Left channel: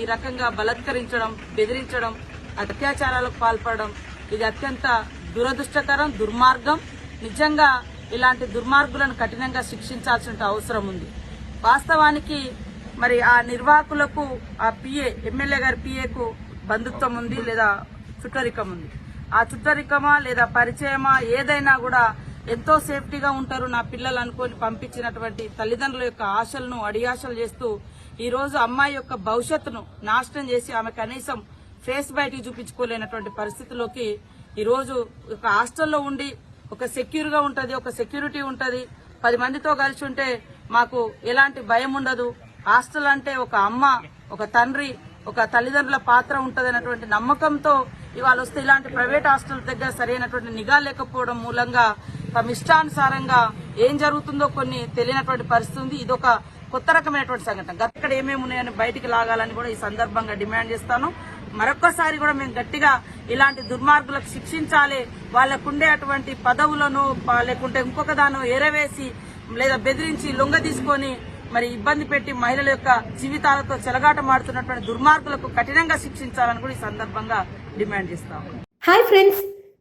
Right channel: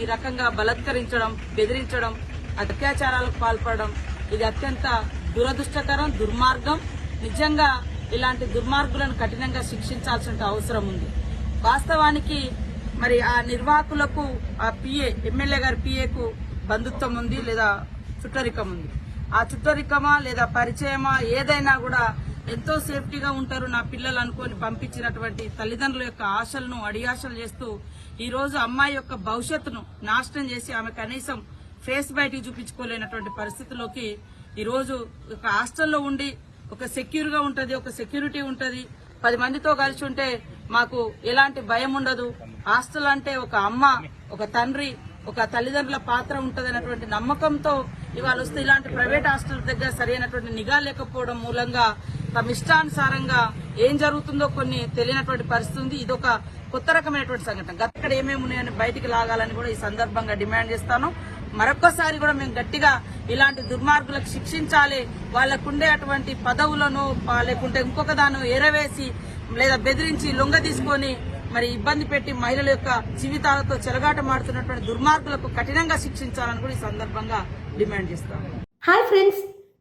ఈ రకంగా బలత్కరించడం బెదిరించడం అత్యాచారాలకు పాల్పడడం ఇది అత్యంత దురదృష్టకరం దుర్మార్గం. నిజంగా ఇలాంటి దుర్మార్గులను కఠినంగా శిక్షించాల్సిన అవసరం ఉంది. వాస్తవానికి మరి ఆ నిర్వాహకులకు ఆ పిఏ ఎమ్మెల్యే గారి పిఏకు బంధుత్వం ఉంది లేదా చుట్టరికం ఉంది. ఆ చుట్టరికమా లేదా పరిచయమా ఏదైనా కూడా ఎంతో సేఫ్టీగా ఉంటారు నా పిల్లలు అనుకొని పంపించినటువంటి తల్లిదండ్రుల యొక్క ఆశలను అడియాశలు చేస్తూ ఈరోజు అమ్మాయి యొక్క భవిష్యత్తును నాశనం చేసి ఆమె కనీసం ఫేస్ బయటికి చూపించుకోలేనటువంటి పరిస్థితిలోకి ఈరోజు ఒక హాస్టల్లో ఉండి ఒక సెక్యూర్గా ఉంటుంది ఒక సెక్యూరిటీ ఉంటుంది. పది మందితో కలిసి ఉంటే మాకు ఎలాంటి భయం ఉండదు. హాస్టల్ అంటే ఒక అమ్మ ఒక తండ్రి ఒక తల్లిదండ్రుల పాత్ర ఉంటుంది నమ్మకంతో ఇవాళ వస్తే ఇలాంటి ప్రైవేట్ హాస్టల్ దగ్గర సరైనటువంటి నిఘా లేకపోవడం మూలంగా తమ ఇష్టానుసారంగా ఏం జరుగుతుందో కొన్ని తెలియనటువంటి పరిస్థితి ఉంది. ఇదొక కొత్త రకమైనటువంటి సంఘటన. అక్కడ ఏమేమి ఉన్నాయని బయటికి లాగాలని కూడా ఈ సందర్భంగా డిమాండ్ చేస్తాను. మరొక్కసారి కూడా మేము గట్టిగా ఇలాంటి దుర్మార్గులకు శిక్షించాలి. వాళ్ళకుండే అటువంటి పదవులను లేకుంటే ఇంకొక దాన్ని ఎరవేసి లేదా బెదిరించి లొంగ తీసుకొని మరి ఇబ్బంది పెట్టి మహిళల యొక్క జీవితాలతో చెలగాటమాడుతున్నటువంటి దుర్మార్గులకు కఠినంగా శిక్షించాలని కూడా ఈ సందర్భంగా డిమాండ్ చేస్తాము హాయ్ ఫ్రెండ్స్